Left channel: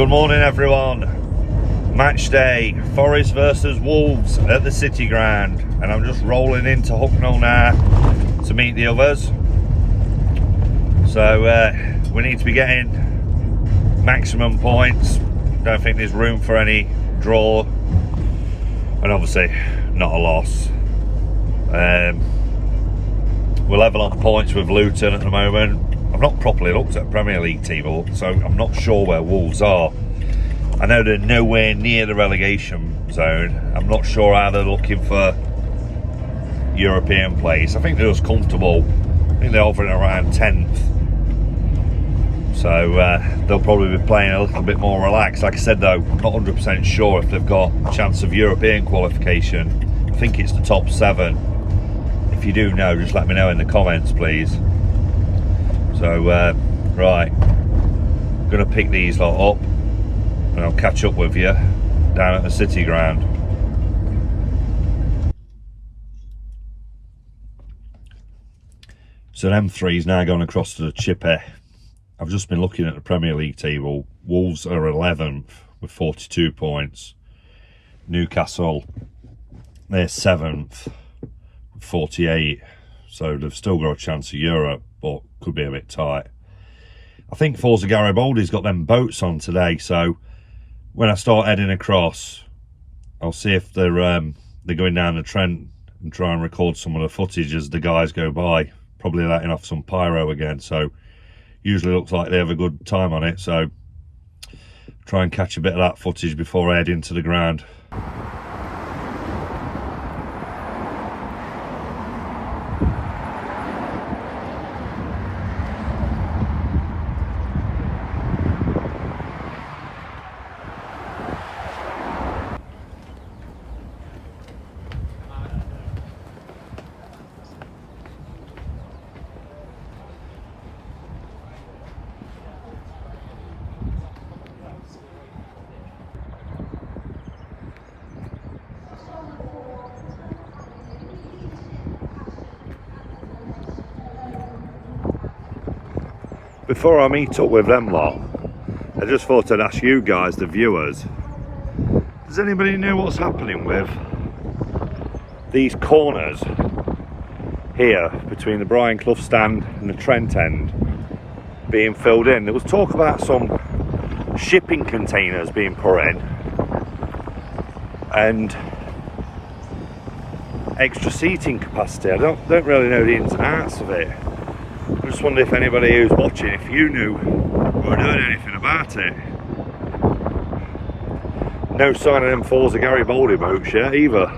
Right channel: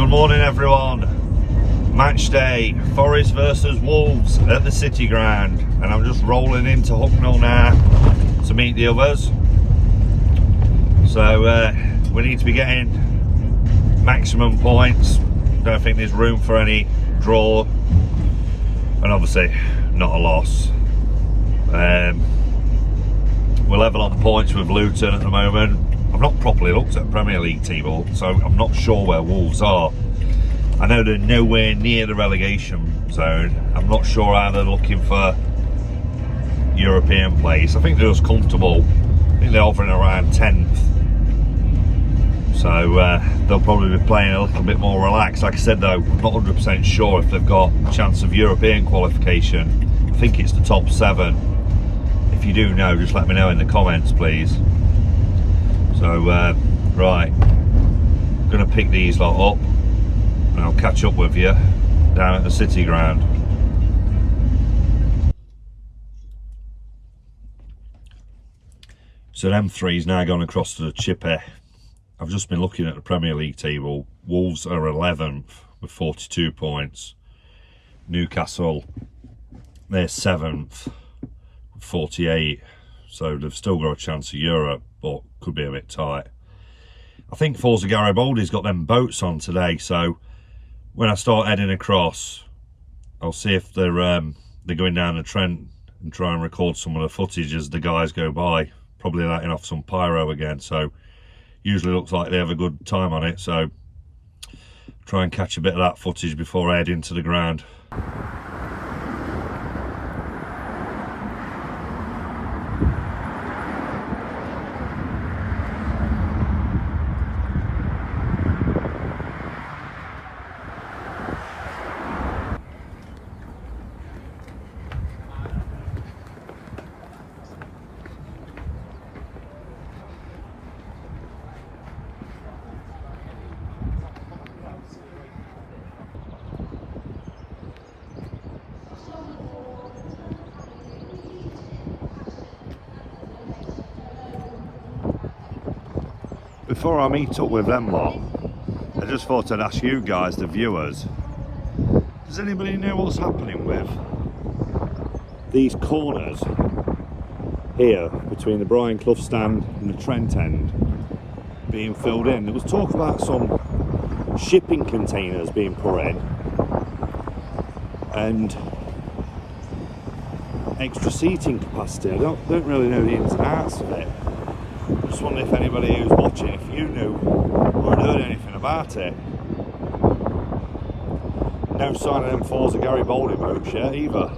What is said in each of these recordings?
Good morning everyone. Match day, Forest versus Wolves at the City Ground, and I'm just rolling into Hucknall now to meet the others. So we need to be getting maximum points. Don't think there's room for any draw, and obviously not a loss. We're level on points with Luton at the moment. I've not properly looked at the Premier League table, so I'm not sure where Wolves are. I know they're nowhere near the relegation zone. I'm not sure how they're looking for European place. I think they're just comfortable. I think they're hovering around 10th. So they'll probably be playing a little bit more relaxed. Like I said though, I'm not 100% sure if they've got a chance of European qualification. I think it's the top 7. If you do know, just let me know in the comments, please. So, right, I'm going to pick these lot up and I'll catch up with you down at the City Ground. So M3's now gone across to the Chippy. I've just been looking at the Premier League table. Wolves are 11th with 42 points. Newcastle, they're 7th with 48. So they've still got a chance of Europe, but could be a bit tight. I think Forza Garibaldi's got them boats on today, so when I start heading across, I'll see if they're going down the Trent and try and record some of the footage as the guys go by. Probably letting off some pyro again, so usually looks like they have a good time on it, so try and catch a bit of that footage before I head into the ground. Before I meet up with them lot, I just thought I'd ask you guys, the viewers, does anybody know what's happening with these corners here between the Brian Clough stand and the Trent end being filled in? There was talk about some shipping containers being put in and extra seating capacity. I don't really know the ins and outs of it. I just wonder if anybody who's watching, if you knew or had heard anything about it. No sign of them Forza Garibaldi boats yet either.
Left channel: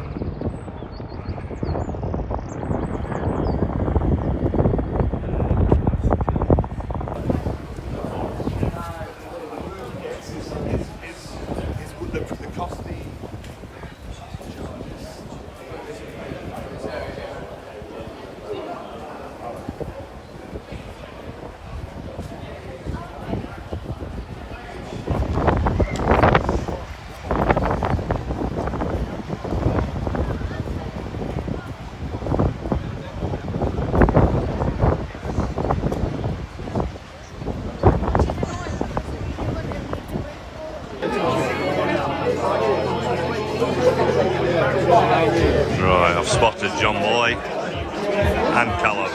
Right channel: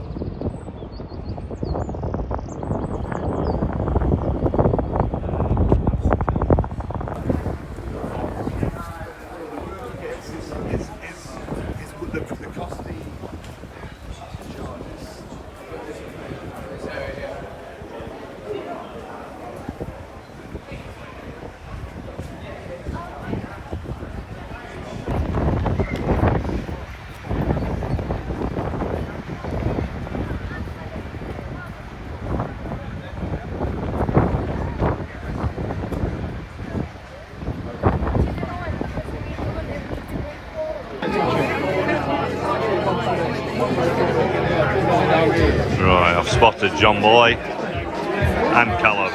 Right, I've spotted John Boy and Callum.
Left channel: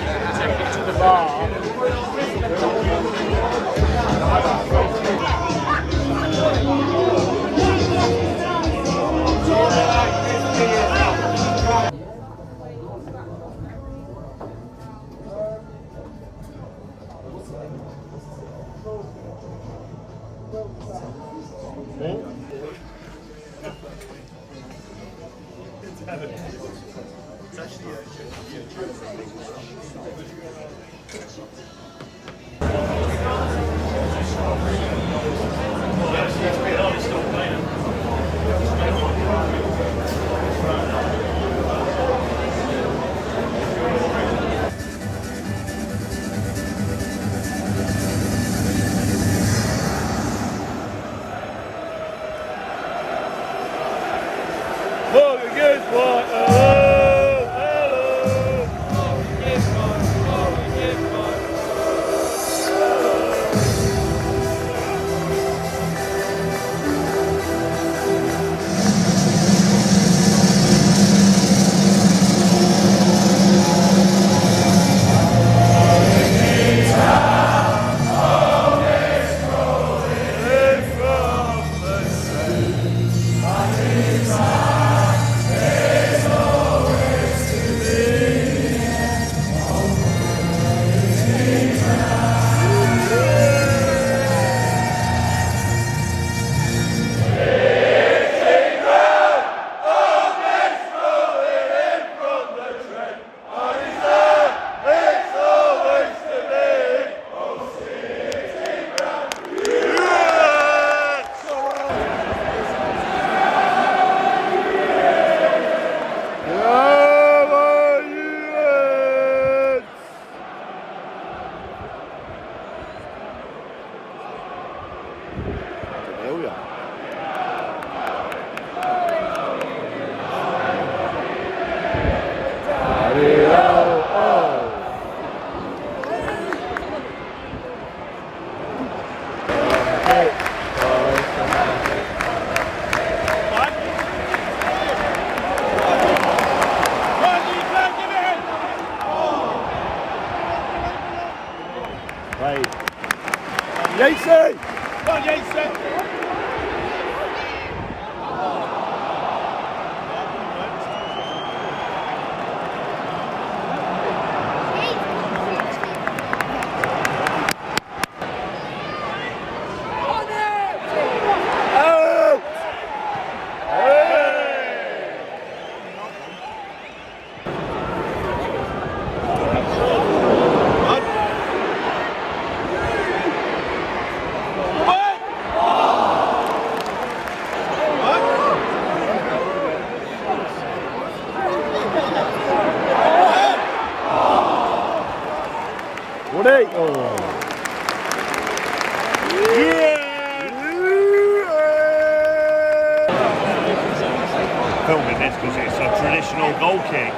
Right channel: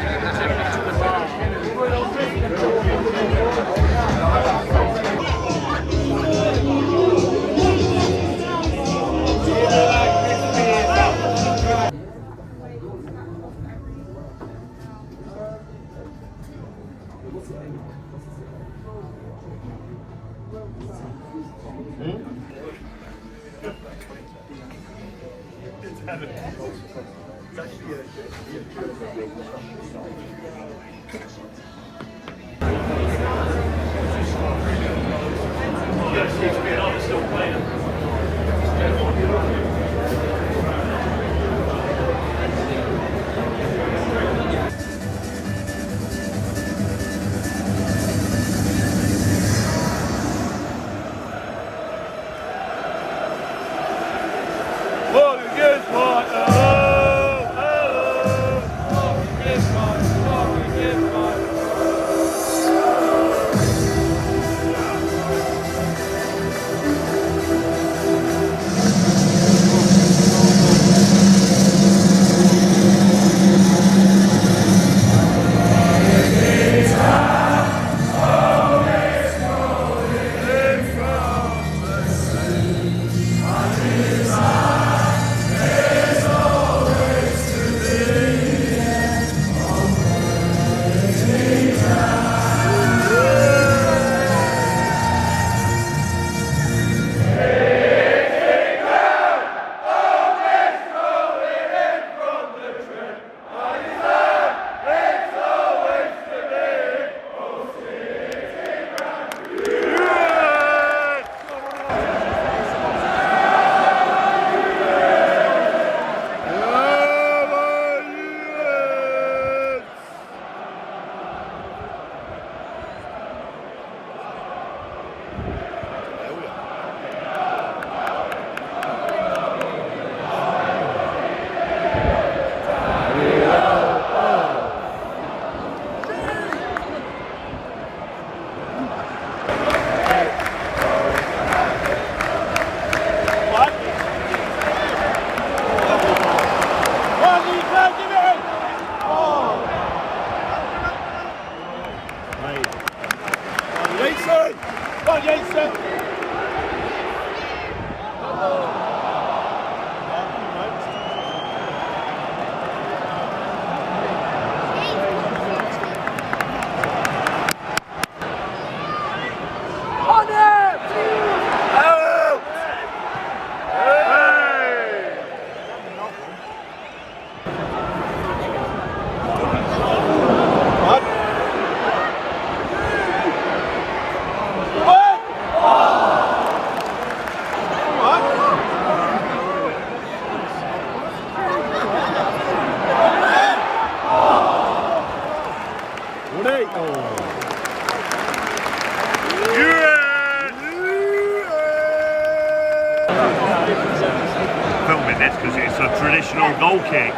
Filming this because it's a traditional goal kick.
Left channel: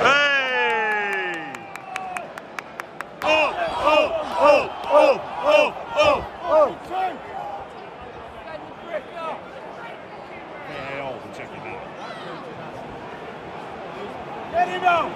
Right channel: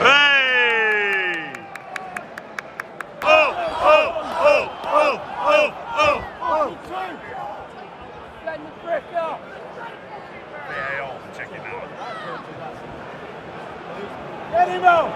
Hey! Oh! VAR for checking that. Let him go!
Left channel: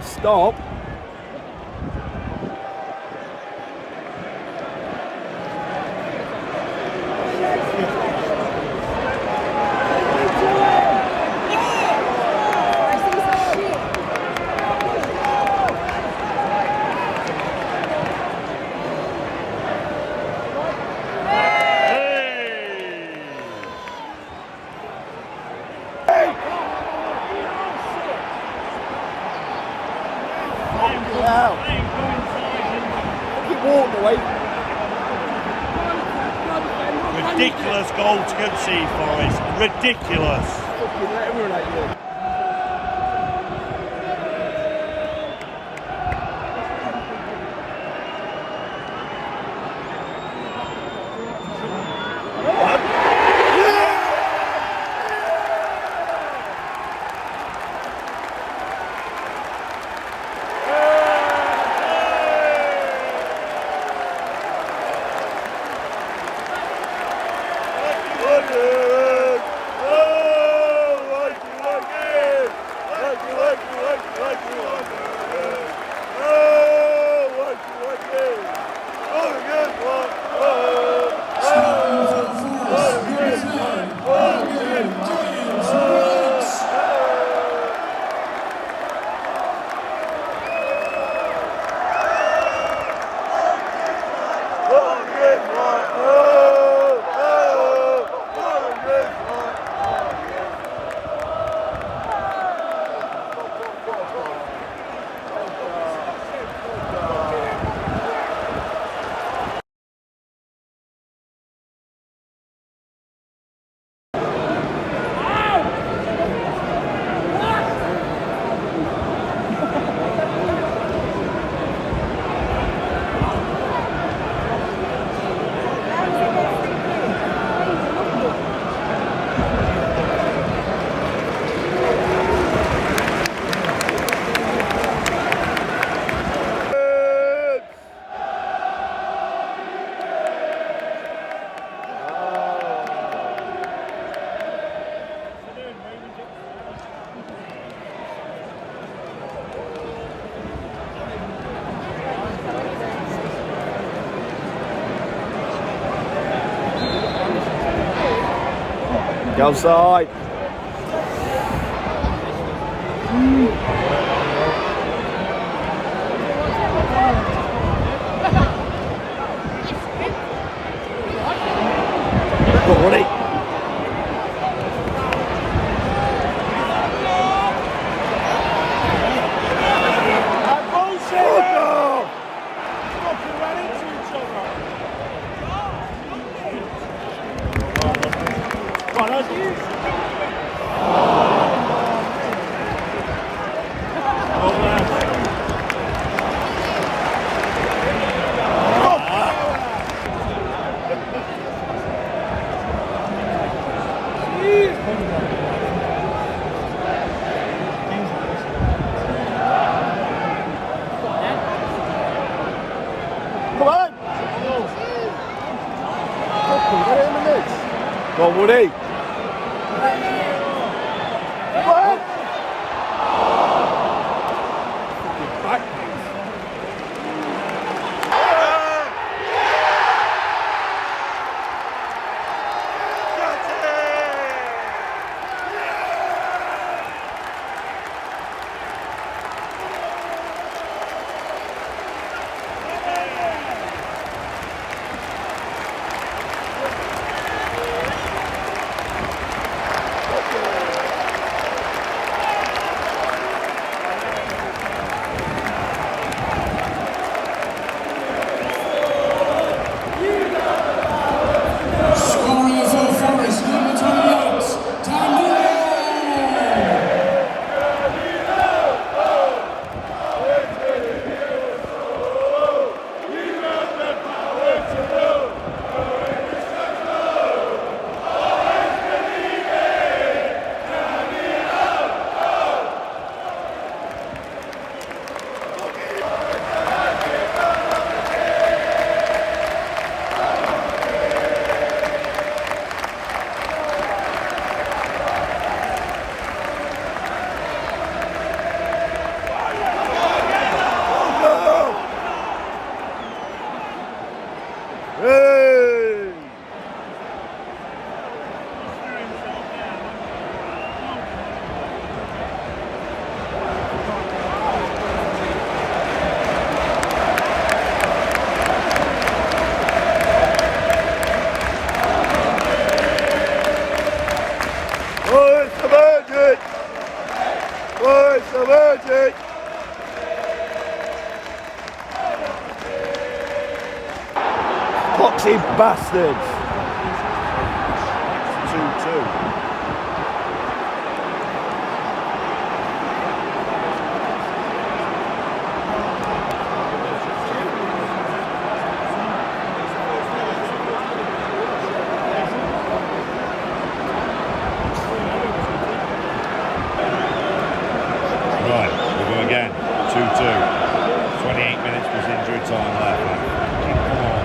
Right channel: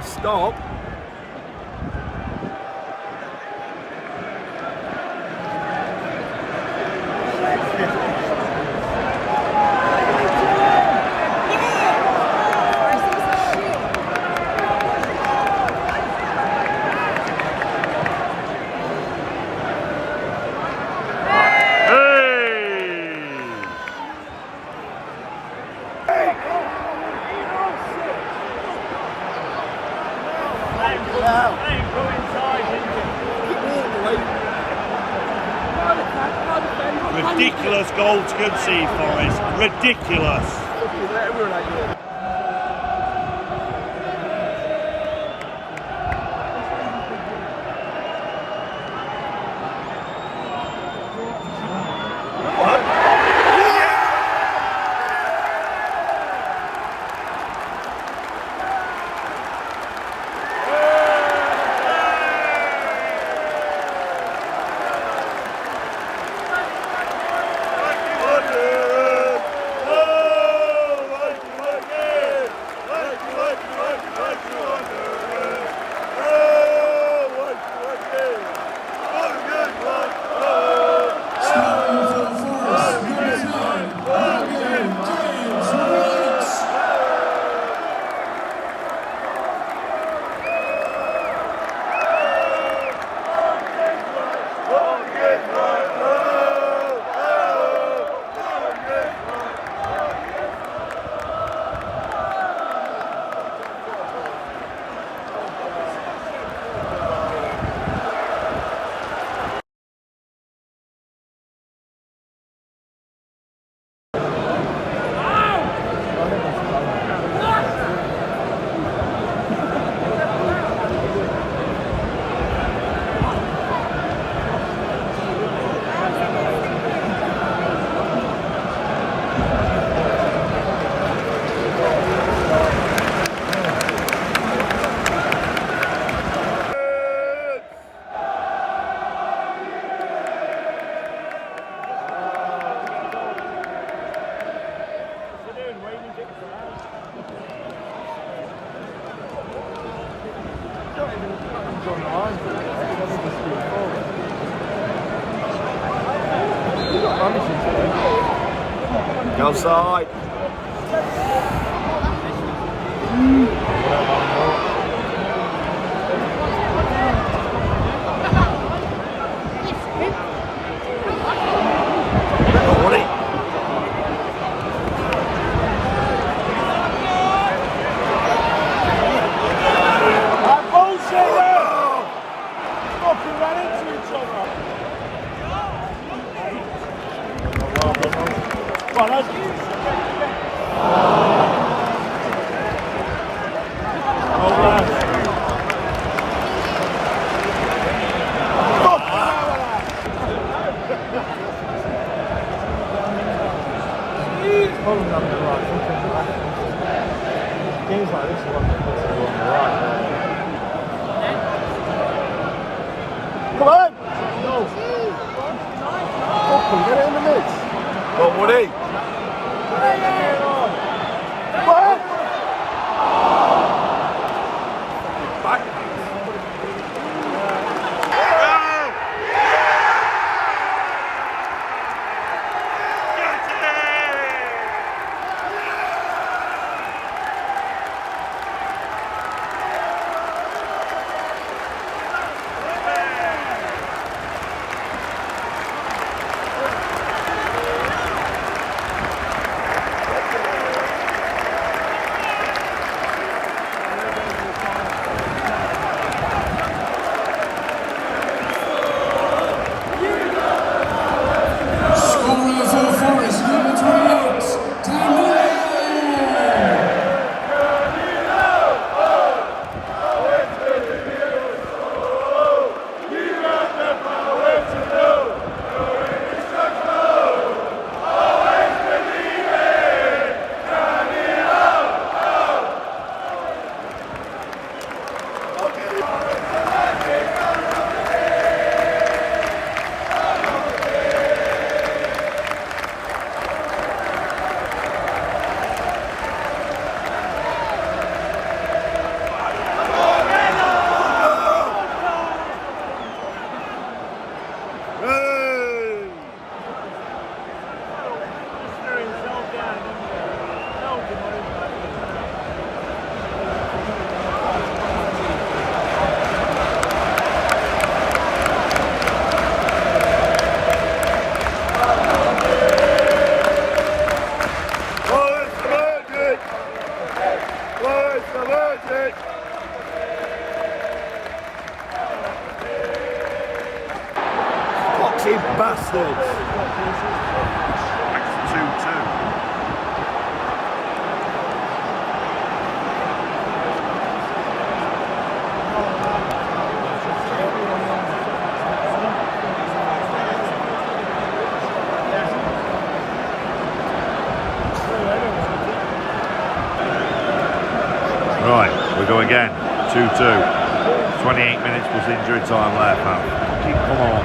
Stop. Ridiculous goal to concede for us. Ridiculous. Go side. Well, Woody. What? Scoring for Forest, number 28, Danilo. Foxy bastards. 2-2. Right, we go again. 2-2. 28 minutes plus injury time left, man. Come on.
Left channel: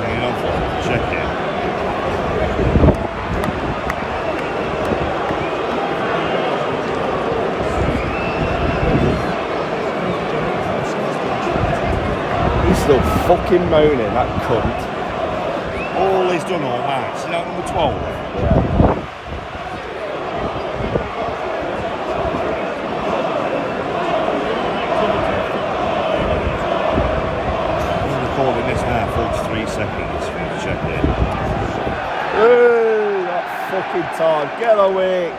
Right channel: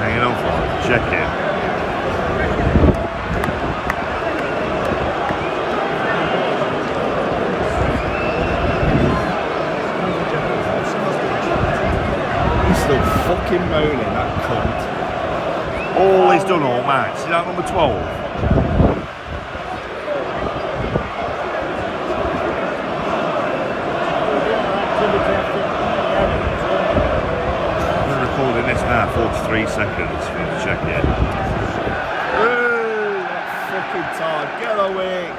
Hanging on for it. Check it. He's still fucking moaning, that cunt. All he's done all match. See that number 12? I'm recording this now, 43 seconds. Check it. Ooh, that fucking time. Get away.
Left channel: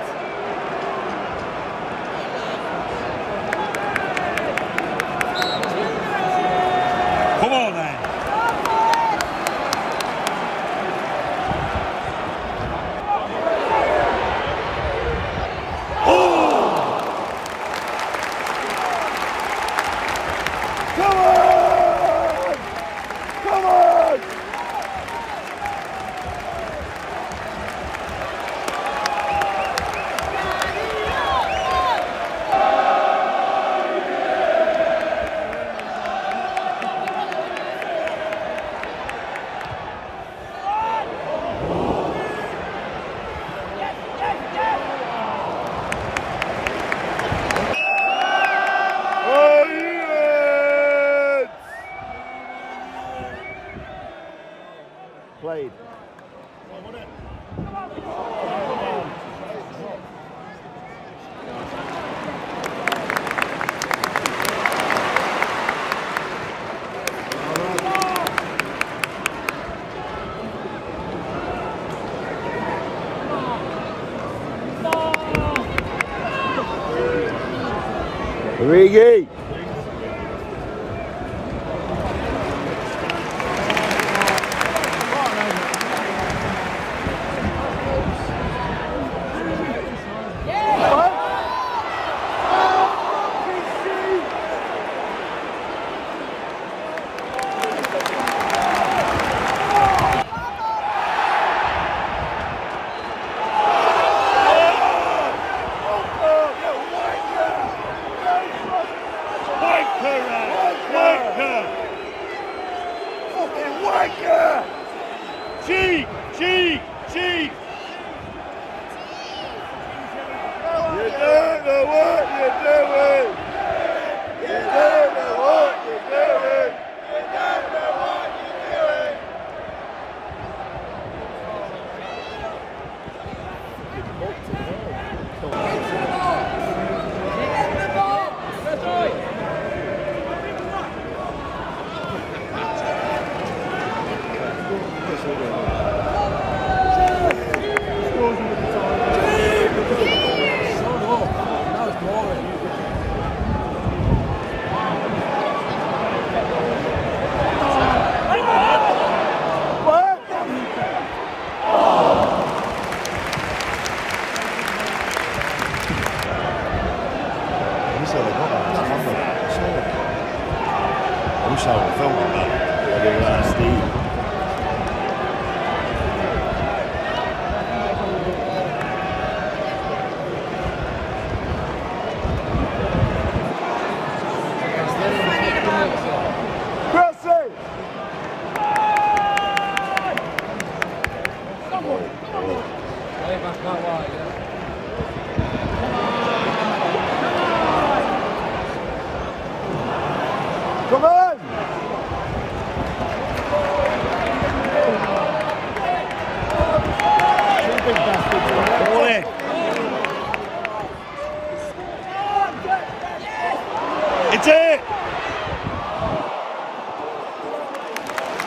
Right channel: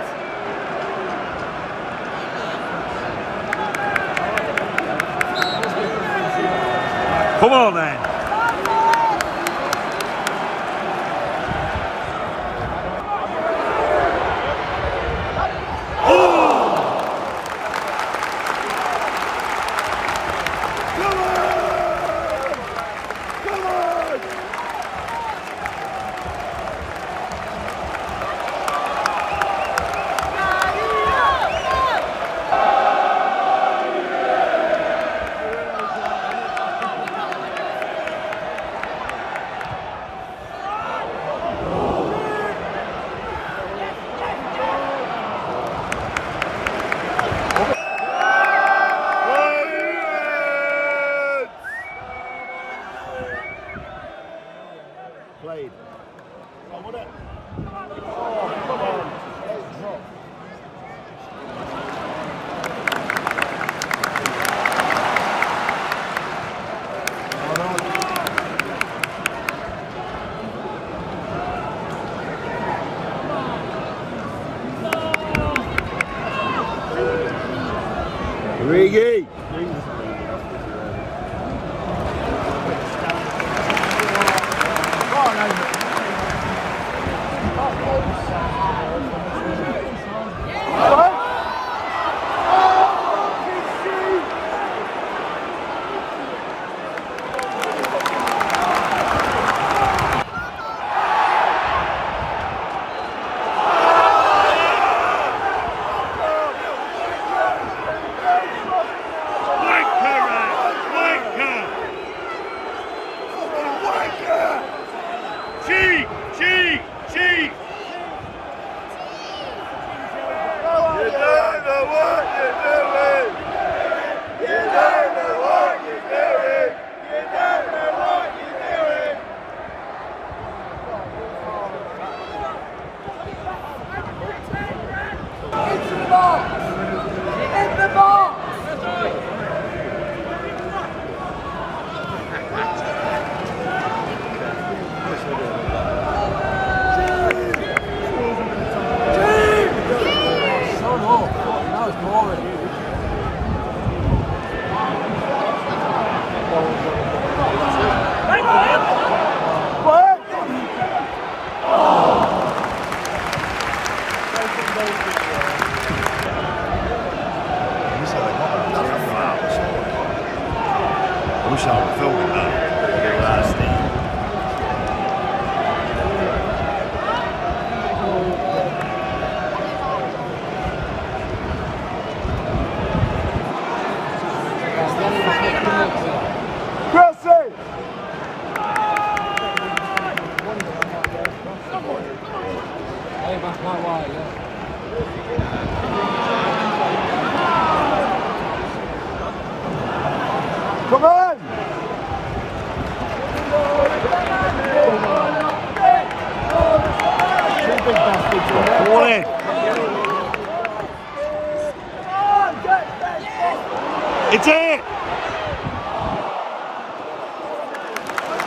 Come on then. Played. Origi. wanker! Fucking wanker! Cheat! Cheat! Cheat! I wish I were filming that. Chrissy! Hey, that's not why, yeah. Come on! Two big bastards in there. Come on in. It's it!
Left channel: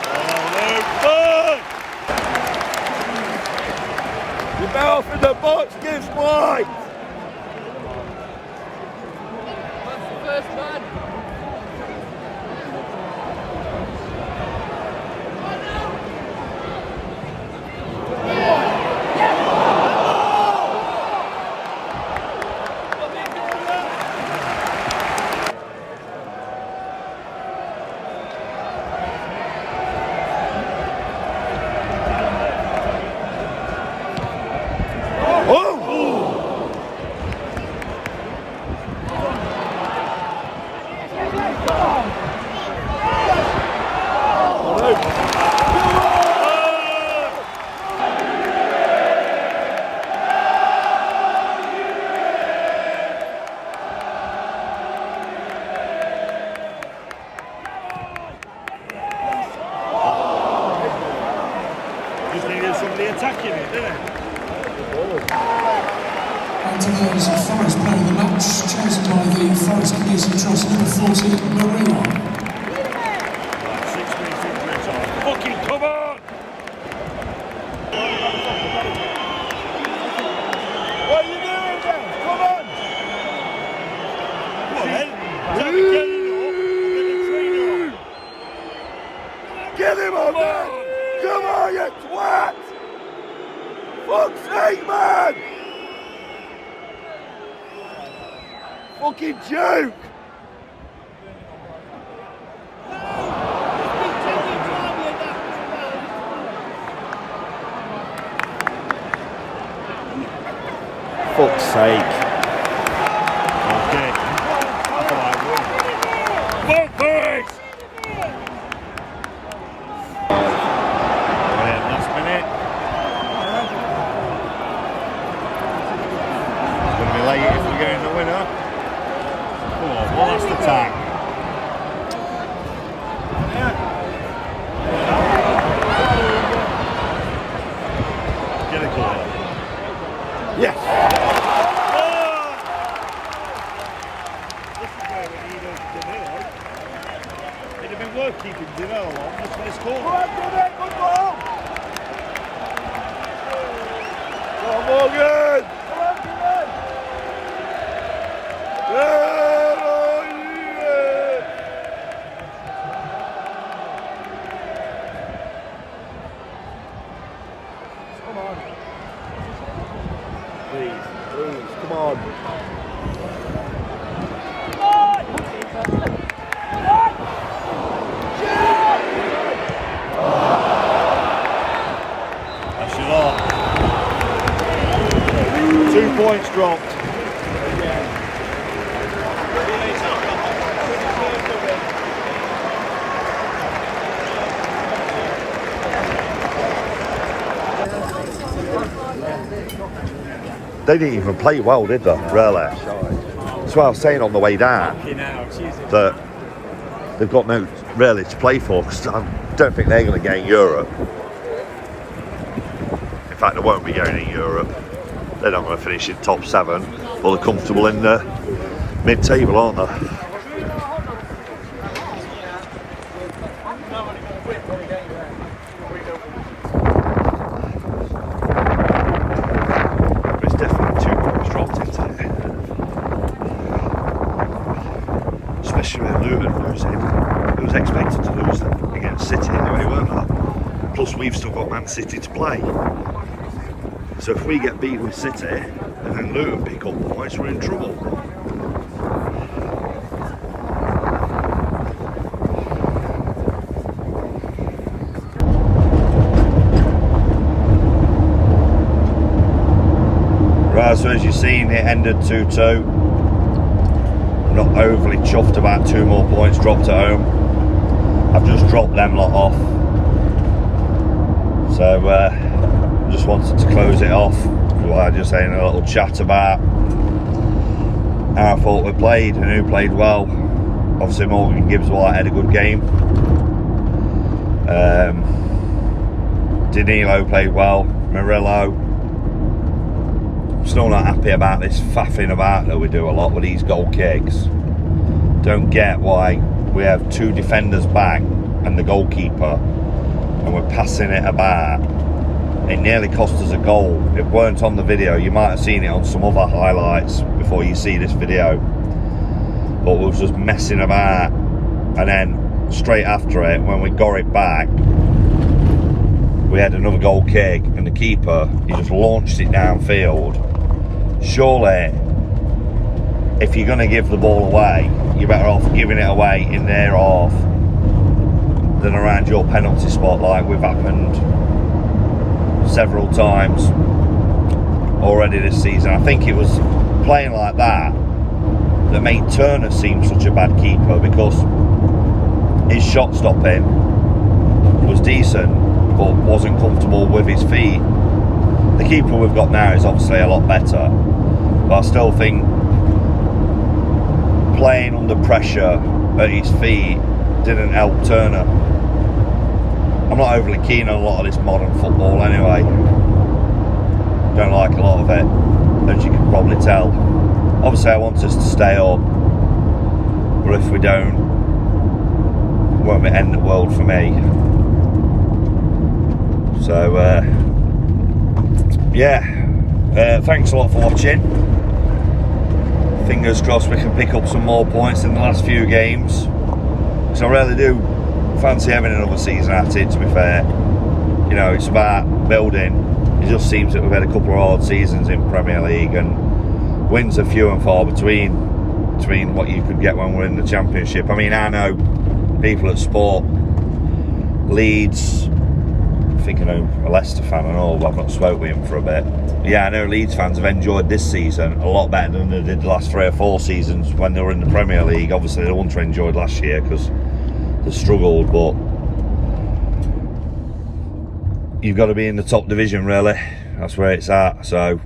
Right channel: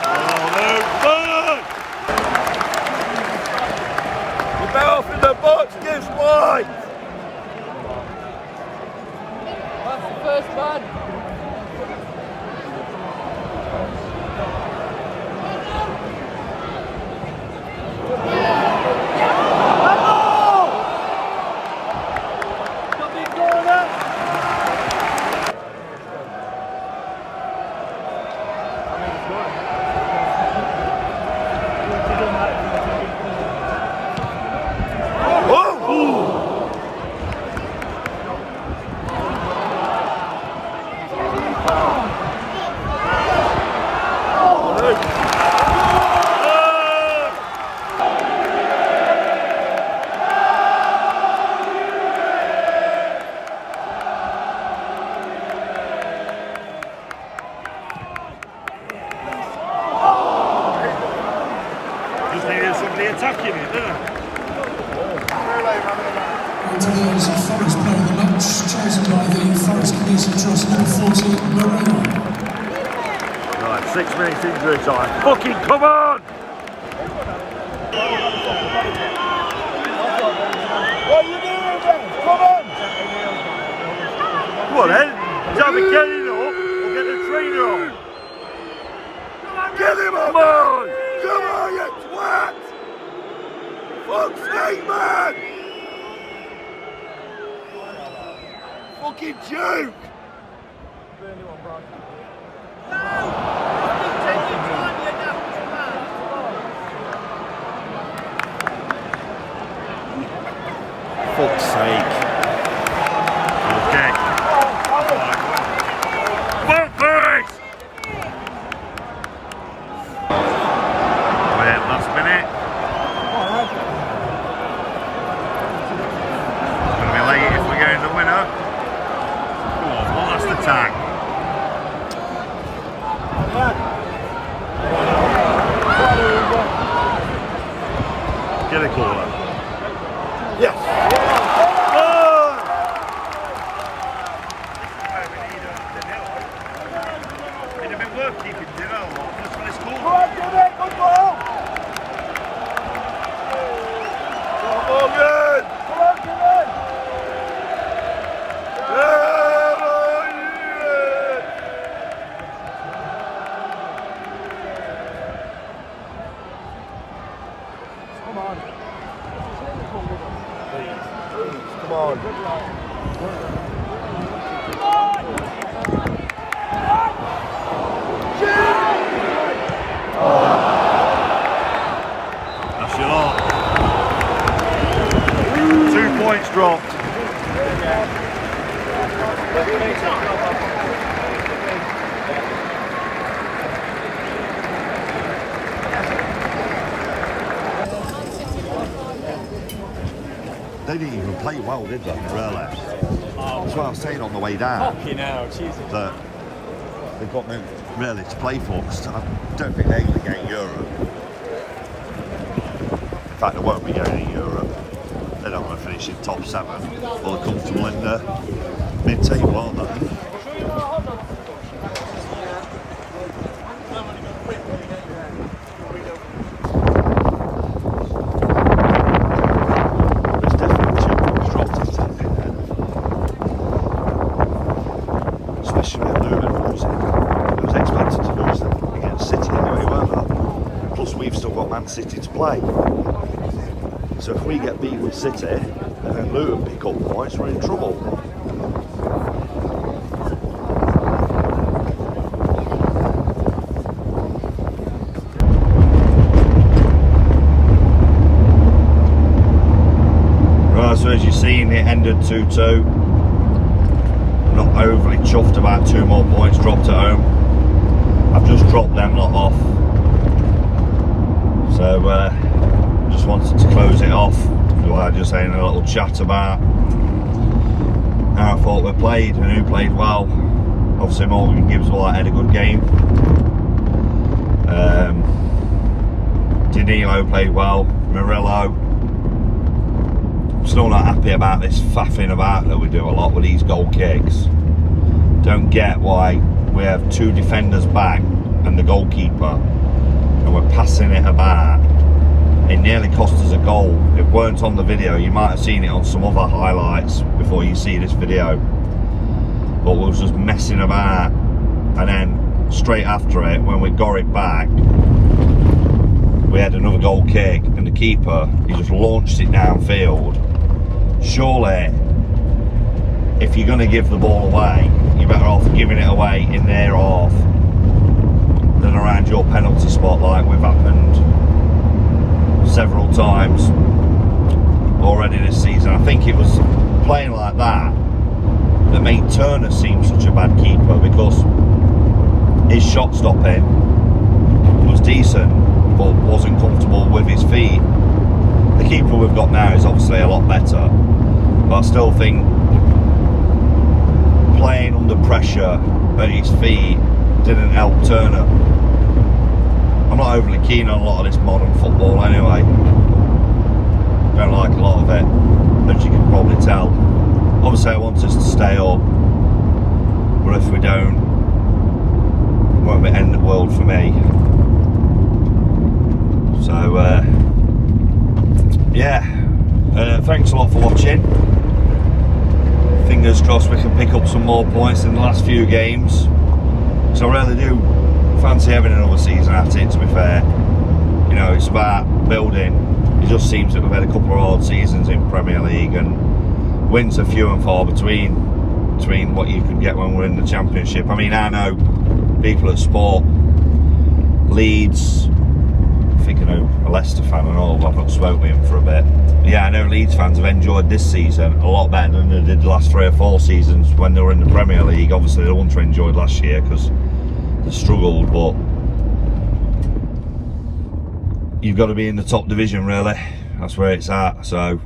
Oh, no, fun! The mouth in the box, Gibbs-White! That's the first man. Just needed somebody attacking it, didn't it? On today's Forest Player of the Match, chosen by the Forest Community Trust, number 40, Marina. Right, 6 minutes injury time. Fucking come on! What are you doing then? Come on! Come on then. He's either getting up or get the trainer on. Get him up! Come on! Come on, you twat! Fuck's sake, man! Fucking joke! Fuck's sake. Okay. Come on, boys! Well, last minute. It's going to be late if we're getting the winner. Come on, one last attack. Get a caller. Yes! Good! This is where we need Danilo. It'd have been worth keeping Danilo on just for this Come corner. on, get it! Good ball! Morgan! Come on, get it! Come on. Please, come on. That's your lot. 2 points dropped. They didn't even play well, did they? Really? That's what I was saying on the way down. That they've got no really to play for, because I don't think they're going to get in Europe. In fact, they won't be going in Europe. They're not going to finish in top 7. Well, they're comfortable in the mid-table, aren't they? City to play. So if we get beat with City and then Luton pick up points, we're in trouble. Right, so as you've seen, it ended 2-2. Not overly chuffed about 2 more points dropped at home. I've just dropped them lot off. So just wanted to close it off by just saying a little chat about how I thought we played and who played well. Obviously Morgan Gibbs-White had a good game. Danilo played well. Murillo. Still not happy about this faffing about that we do a lot with these goal kicks. Don't get why we have 2 defenders back and the goalkeeper, and we're passing it about. It nearly cost us a goal. It weren't on the video. You might have seen it on some other highlights before you see this video, but we was just messing about, and then straight after it, when we got it back, we had another goal kick, and the keeper, he just launched it downfield. Surely, if you're going to give the ball away, you're better off giving it away in their half than around your penalty spot, like we've happened several times already this season. I think it was playing like that that made Turner seem such a bad keeper, because his shot stopping was decent but wasn't comfortable with his feet. The keeper we've got now is obviously a lot better, but I still think playing under pressure at his feet didn't help Turner. I'm not overly keen on a lot of this modern football anyway. Don't like a lot of it, as you can probably tell. Obviously I want us to stay up, but if we don't, it won't be the end of the world for me. So yeah, thanks a lot for watching. Fingers crossed we can pick up some more points in the last few games, because I really do fancy having another season at it, to be fair. You know, it's about building. It just seems that we've had a couple of hard seasons in Premier League, and wins are few and far between what you could get when we're in the Championship. I mean, I know people at Sport, Leeds, I think I know a Leicester fan and all, but I've not spoke with him for a bit. But yeah, I know Leeds fans have enjoyed this season a lot better than they did the last 3 or 4 seasons when they were in the Premier League. Obviously, the ones who enjoyed last year because they struggled, but you've got to be in the top division, really. That's where it's at. So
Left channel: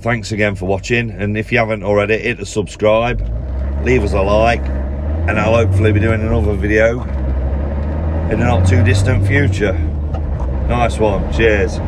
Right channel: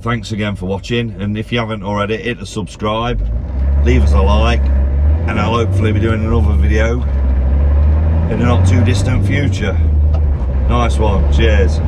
thanks again for watching, and if you haven't already, hit the subscribe, leave us a like, and I'll hopefully be doing another video in the not too distant future. Nice one, cheers.